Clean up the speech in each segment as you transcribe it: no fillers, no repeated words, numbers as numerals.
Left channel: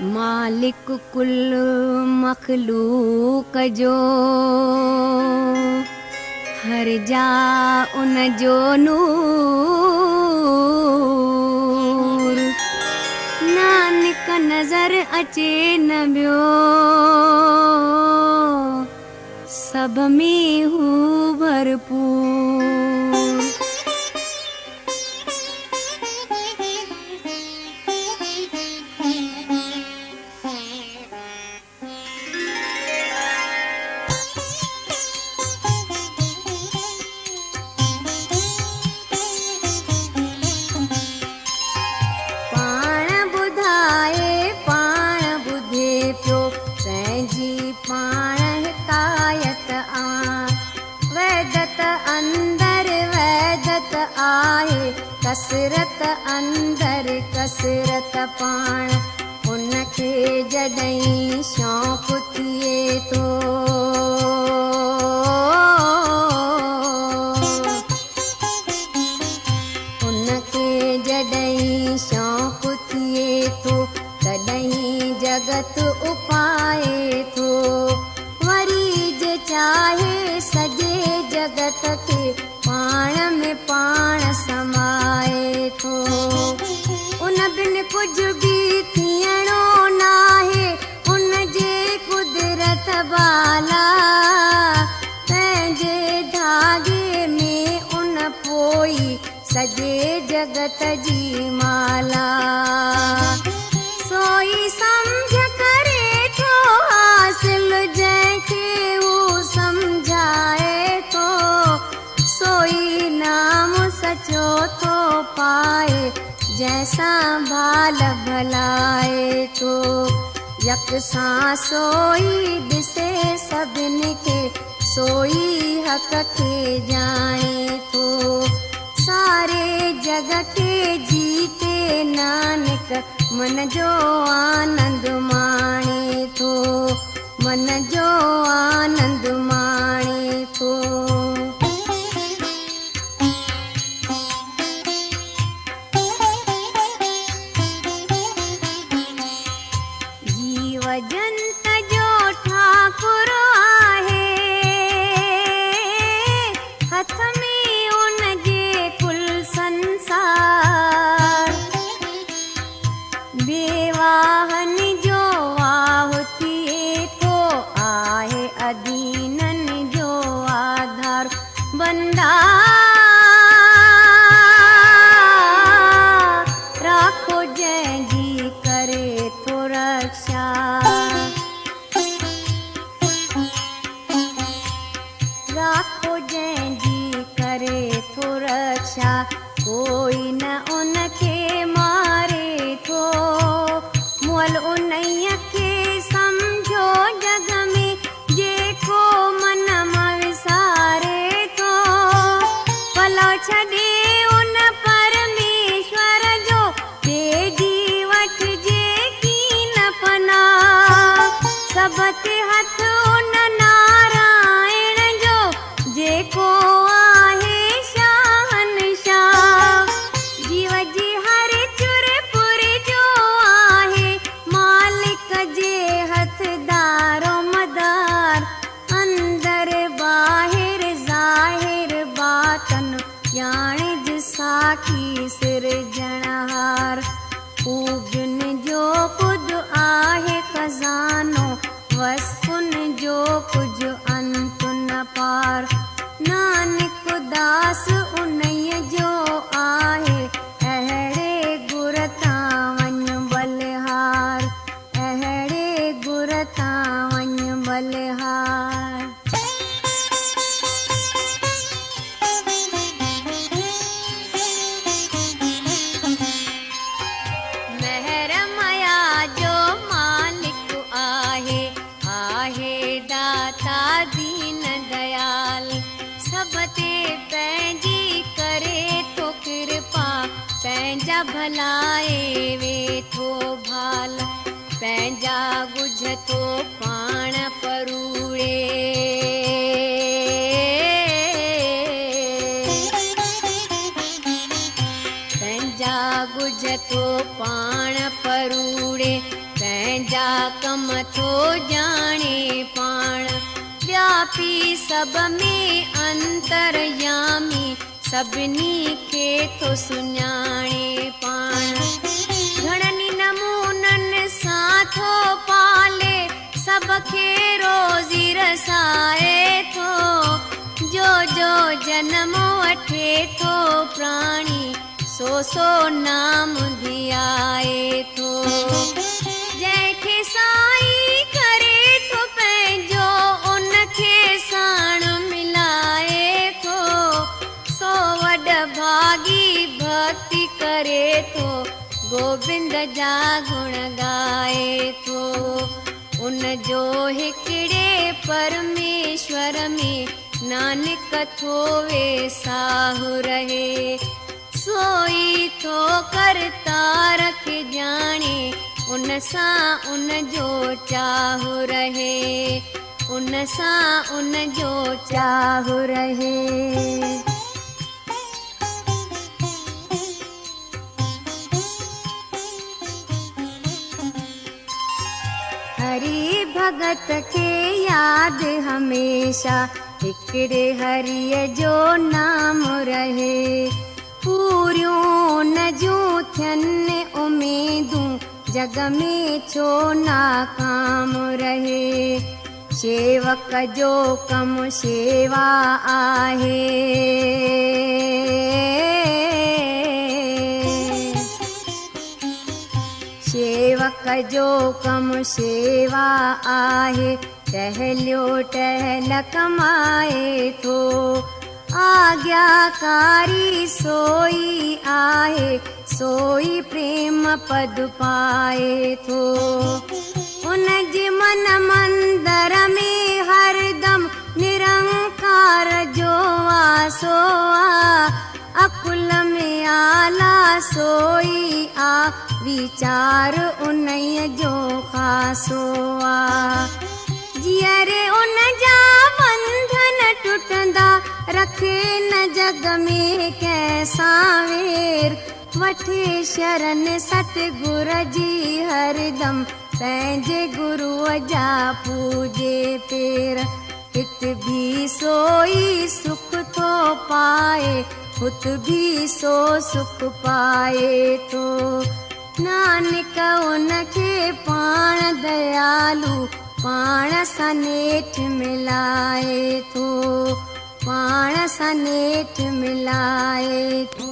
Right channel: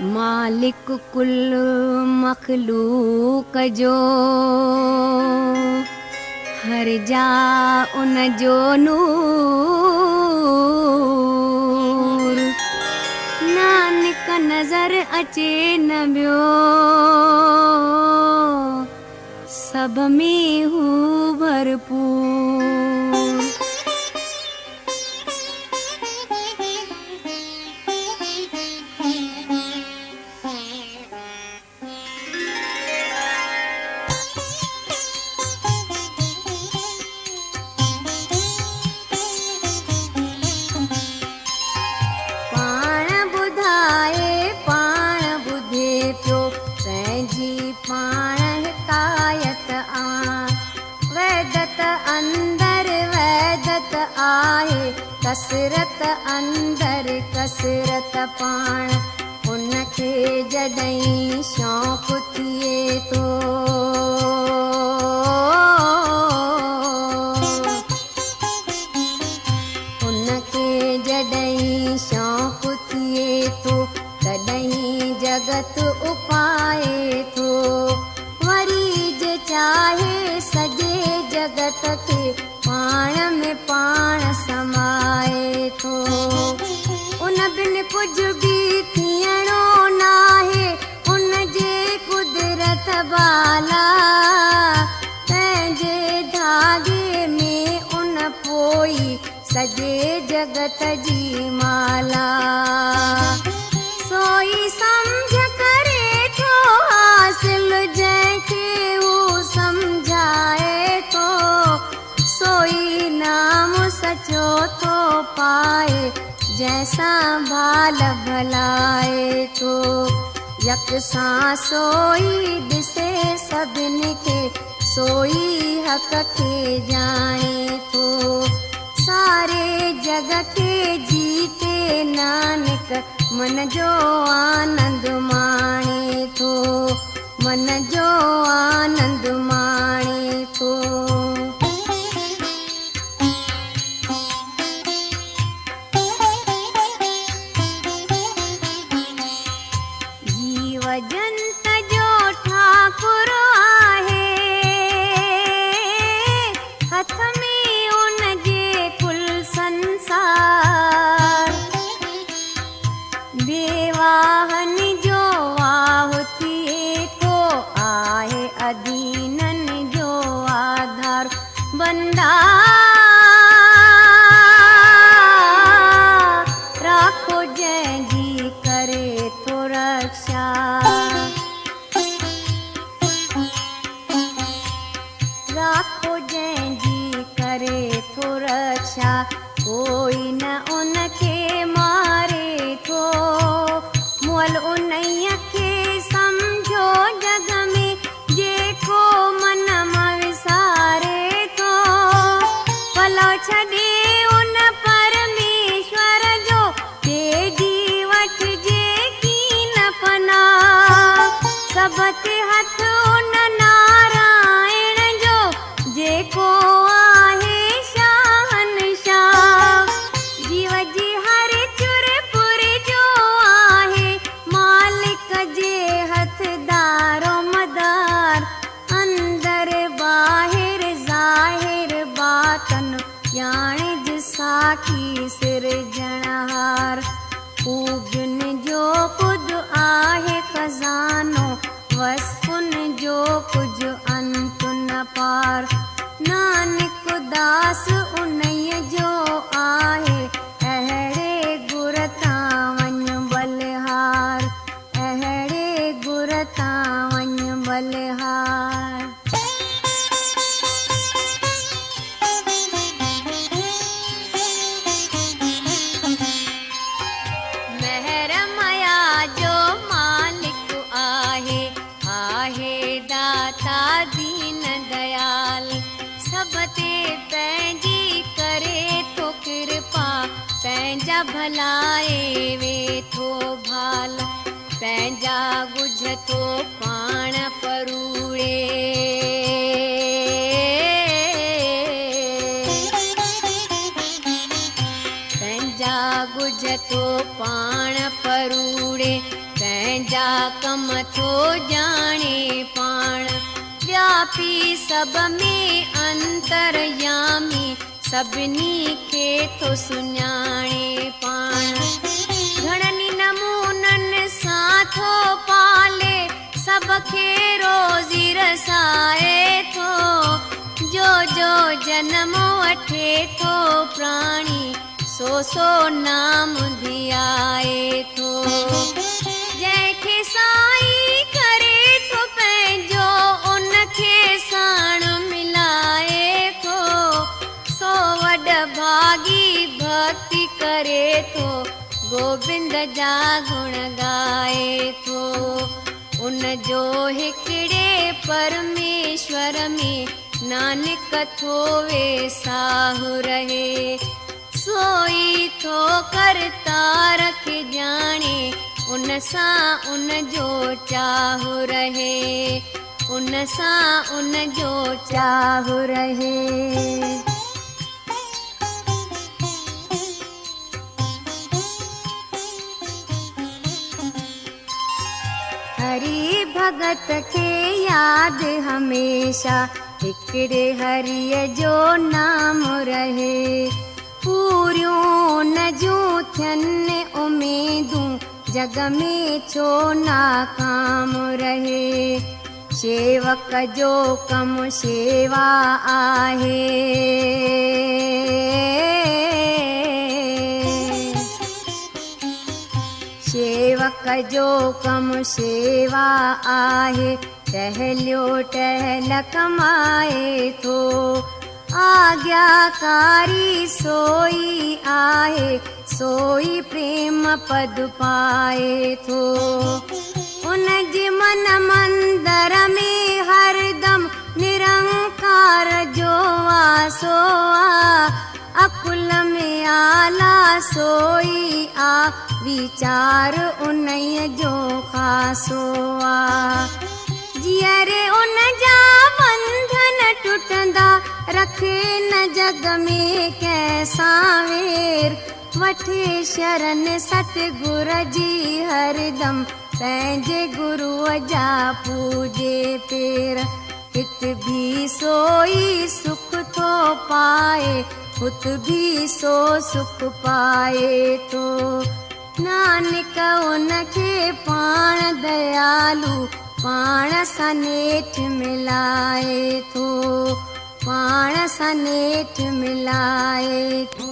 मालिक कुल मखलूक जो हर जा उन जो नूर नानक नज़र अचे न ॿियो सभ में हू भरपूर। कसरत अंदर कसरत पाण उनखे जॾहिं शौक़ु थिए थो उनखे जॾहिं शौक़ु थिए थो तॾहिं जगत उपाए थो वरी जे चाहे सॼे जगत खे पाण में पाण समाए थो उन बिन कुझु बि थियणो नाहे उन जे कुदरत बाला पंहिंजे धागे में उन पोई सॼे जगत जी माला सोई सम्झ करे थो हासिल जंहिंखे हू सम्झाए थो सोई नाम सचो थो पाए जंहिंसां भाल भलाए थो यकसां सोई ॾिसे सभिनी खे सोई हक़ खे ॼाणे थो सारे जग खे जीते नानक मन जो आनंद माणे थो मन जो आनंद माणे थो। जंत जो ठाकुर आहे हथ में उनजे कुल संसार बेवाहन जो वाह थिए थो आहे अधीनन जो आधार बंदा राखो जंहिंजी करे थो रक्षा राखो जंहिंजी करे थो रक्षा कोई न उनखे मारे थो मुअल उन्हीअ खे सम्झो जग में जेको मन विसारे थो भलो छॾे उन परमेश्वर जो तेजी वठिजे कीन पना सभ ते हथ उन नारायण जो जेको आहे शहंशाह जीव जी हर चुर पुर जो आहे मालिक जे हथदारो मदार अंदर ॿाहिर ज़ाहिर बातन ॼाणे साखी सिरजणहार ख़ूबियुन जो कुझु आहे खज़ानो वसफुन जो कुझु अंत न पार नानक दास उन्हीअ जो आहे अहिड़े गुर तां वञ बलिहार अहिड़े गुर तां वञ बलिहार। दीन दयाल सभ ते पंहिंजी करे थो कृपा पंहिंजा भलाए वेठो भाल पंहिंजा ॻुझ थो पाण परूड़े पंहिंजा ॻुझ थो पाण परूड़े कम थो ॼाणे पाण, व्यापी सभ में अंतरयामी, सभिनी खे थो सुञाणे पाण। घणनि नमूननि सां थो पाले, सभ खे रोज़ी रसाए थो, जो जो जनम वठे थो प्राणी, सो नाम धियाए थो। जंहिंखे साईं करे थो पंहिंजो, उनखे साण मिलाए थो, सो वॾ भागी भक्ति करे थो, गोविंद जा गुण ॻाए थो। उन जो हिकिड़े परमेश्वर में नानक थो वेसाहु रहे, सोई थो करतार खे ॼाणे, उन सां उन जो चाहु रहे, उन सां उन जो चाहु रहे। हरि भगत खे याद हमेशा, हिकिड़े हरिय जो नाम रहे, पूरियूं न जूं थियनि उमेदूं, जग में छो नाकाम रहे। सेवक जो कम सेवा आहे, सेवक जो कम सेवा आहे, टहलियो टहल कमाए थो, आज्ञाकारी सोई आहे, सोई प्रेम पद पाए थो। उन जे मन मंदर में हरदम निरंकार जो वासो आ, अकुल में आला सोई आ, विचार उन्हीअ जो ख़ासो आ। जीअरे उन जा बंधन टुटंदा, रखे न जग में कंहिंसां वेर, वठे शरण सतगुर जी हरदम, पंहिंजे गुरूअ जा पूजे पेर। हित भी सोई सुख थो पाए, हुत भी सो सुख पाए थो। नानक उनखे पाण दयालु, पाण सां नेठ मिलाए थो, पाण सां नेठ मिलाए थो।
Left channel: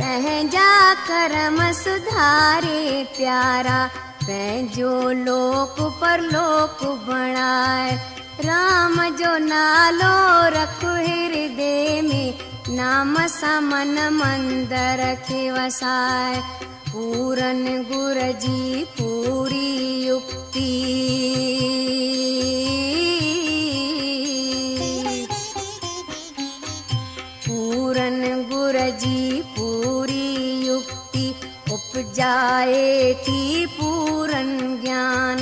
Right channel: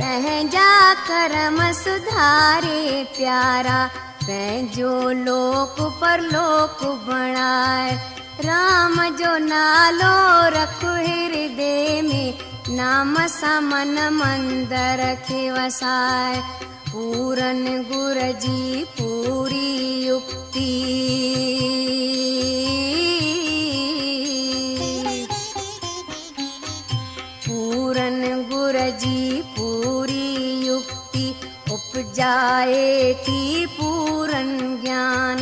पंहिंजा कर्म सुधारे प्यारा, पंहिंजो लोक परलोक बणाए। राम जो नालो रख हृदय में, नाम सां मन मंदर खे वसाए पूरन गुर जी पूरी युक्ति पूरन गुर जी पूरी युक्ति उपजाए थी पूरन ज्ञान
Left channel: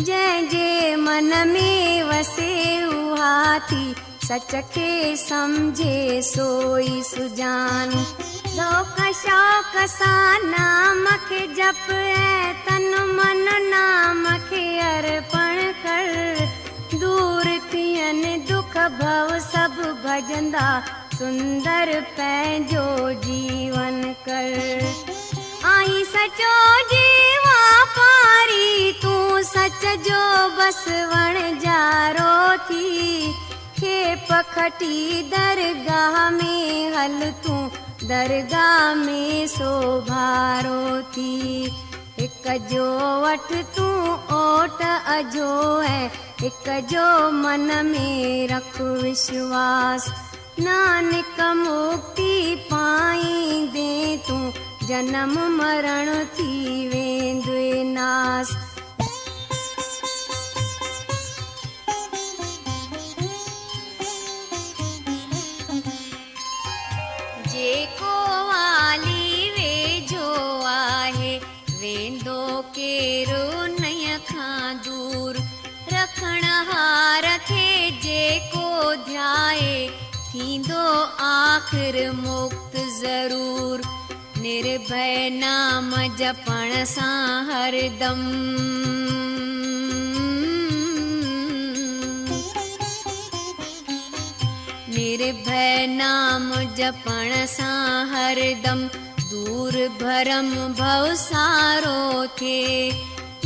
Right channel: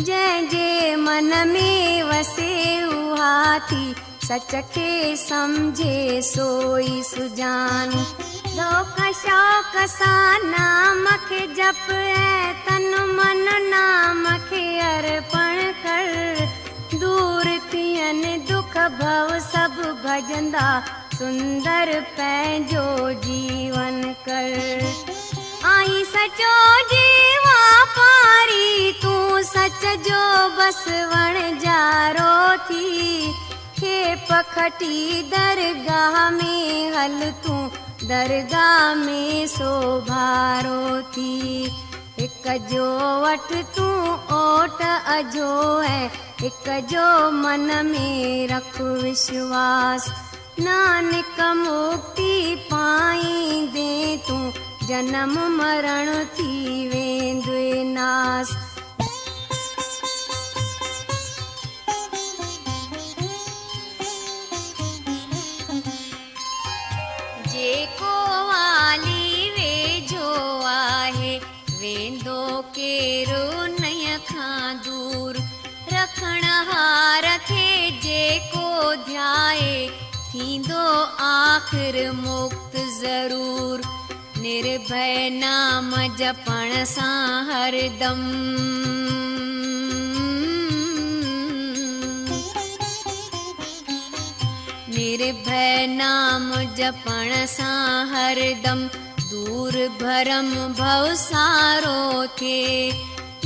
जंहिंजे मन में वसे उहा थी सच खे समझे सोई सुजान शौक़ शौक़ सां नाम खे जप ऐं तन मन नाम खे अर्पण कर दूर थियनि दुख भव सभु भजंदा सुंदर पंहिंजो जीवन कर आई सचो जीवा पारी तूं सच जो बस वणजारो थी खेप खटी दरगाह में हल तूं दरगाह में सोभारो थी हिक जो वठ तूं ओट अजो है हिक जो मन में रख विश्वास नानक मुक्ति पाईंदे तूं जन्म मरण थी वेंदे नास जेको वाली वेझो आहे वेंदो केरो नय खां दूर रखण हार खे जेको ध्याए थींदो आख़िर मुक्त ज़रूर निर्भय नाम जपण सां हरदम निर्भय नाम जपण सां हरदम दूर भरम भव सारो थिए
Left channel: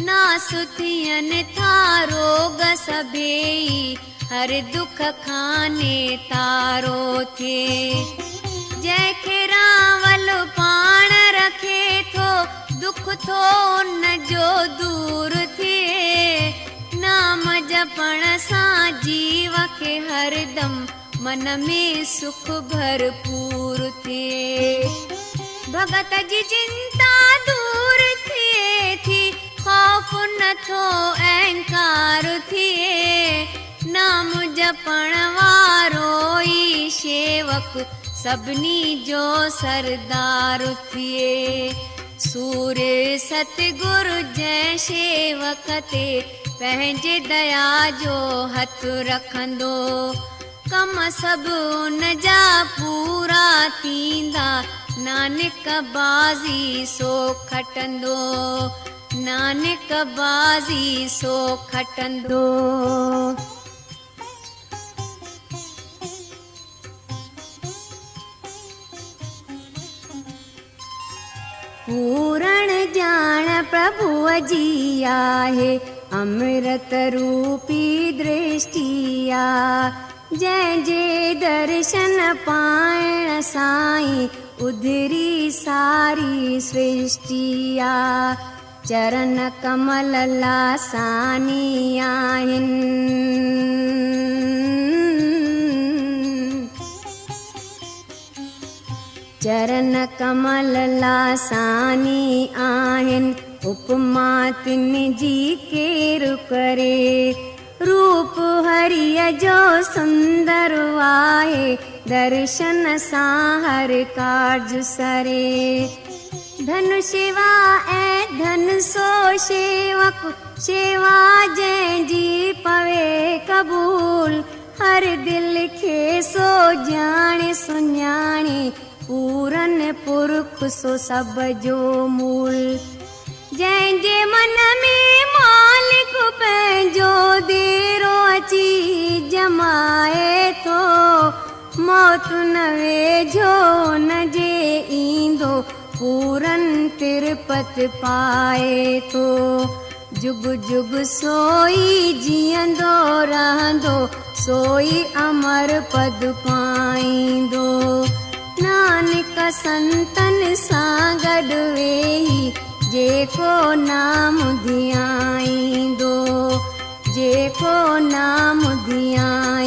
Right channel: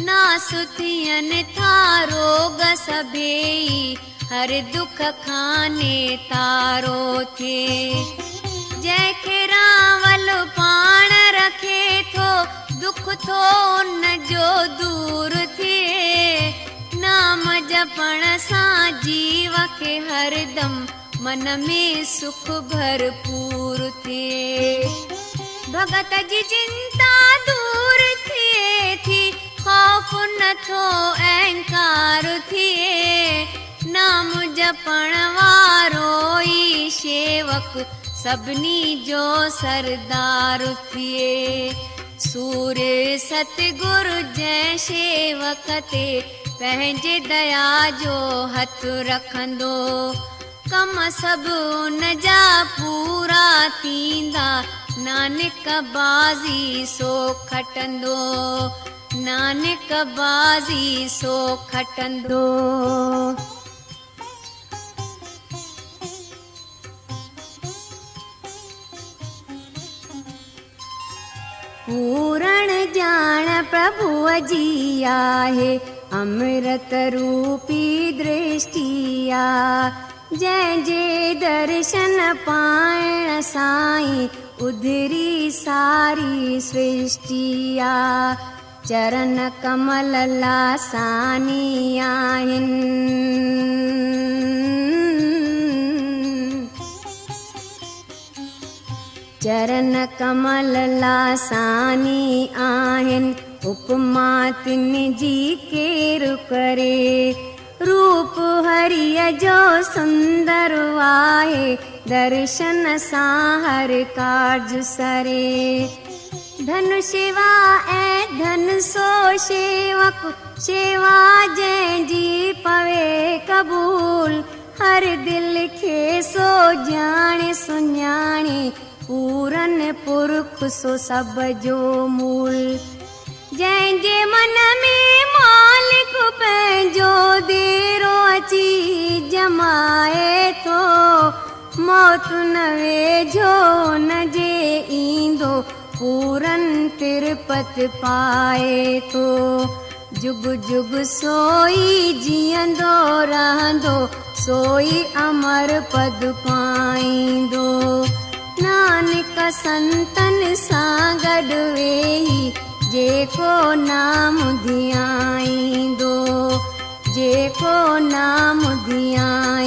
नास थियनि था रोग सभेई हर दुख खाने तारो थिए जंहिंखे रावल पाण रखे थो दुख थो न जो दूर थिए नाम जपण सां जीव खे हरदम मन में सुख भरपूर थिए भगत जी चिंता दूर थिए थी खौफ नथो अहंकार थिए नाम जपण वारो ई शेवक सभिनी जो सरदार थिए सूर्य सतगुरु जंहिं शेवक ते पंहिंजे दया जो हथ रखंदो कम सभु उन जा पूरा थींदा नानक बाज़ी सो खटंदो नानक बाज़ी सो खटंदो पूरण ॼाण प्रभुअ जी आहे अमृत रूपी दृष्टि आहे जंहिंजे दर्शन पाइण साईं उधरी सारी सृष्टि आहे चरण कमल लासानी आहिनि चरण कमल लासानी आहिनि उपमा तिन जी केरु करे रूप हरिय जो सुंदर आहे दर्शन सां हर कार्ज सरे धन शिवा ऐं धन सो शेवक शेवा जंहिंजी पवे कबूल हर दिल खे सो ॼाणे सुञाणे पूरन पुरख सो सब जो मूल जंहिंजे मन में मालिक पंहिंजो देरो अची जमाए थो मौत न वेझो न जे ईंदो पूरन तिरपत पाए थो जुग जुग सोई जीअंदो रहंदो सोई अमर पद पाईंदो नानक संतन सां गॾु वेही जेको नाम धियाईंदो जेको नाम धियाईंदो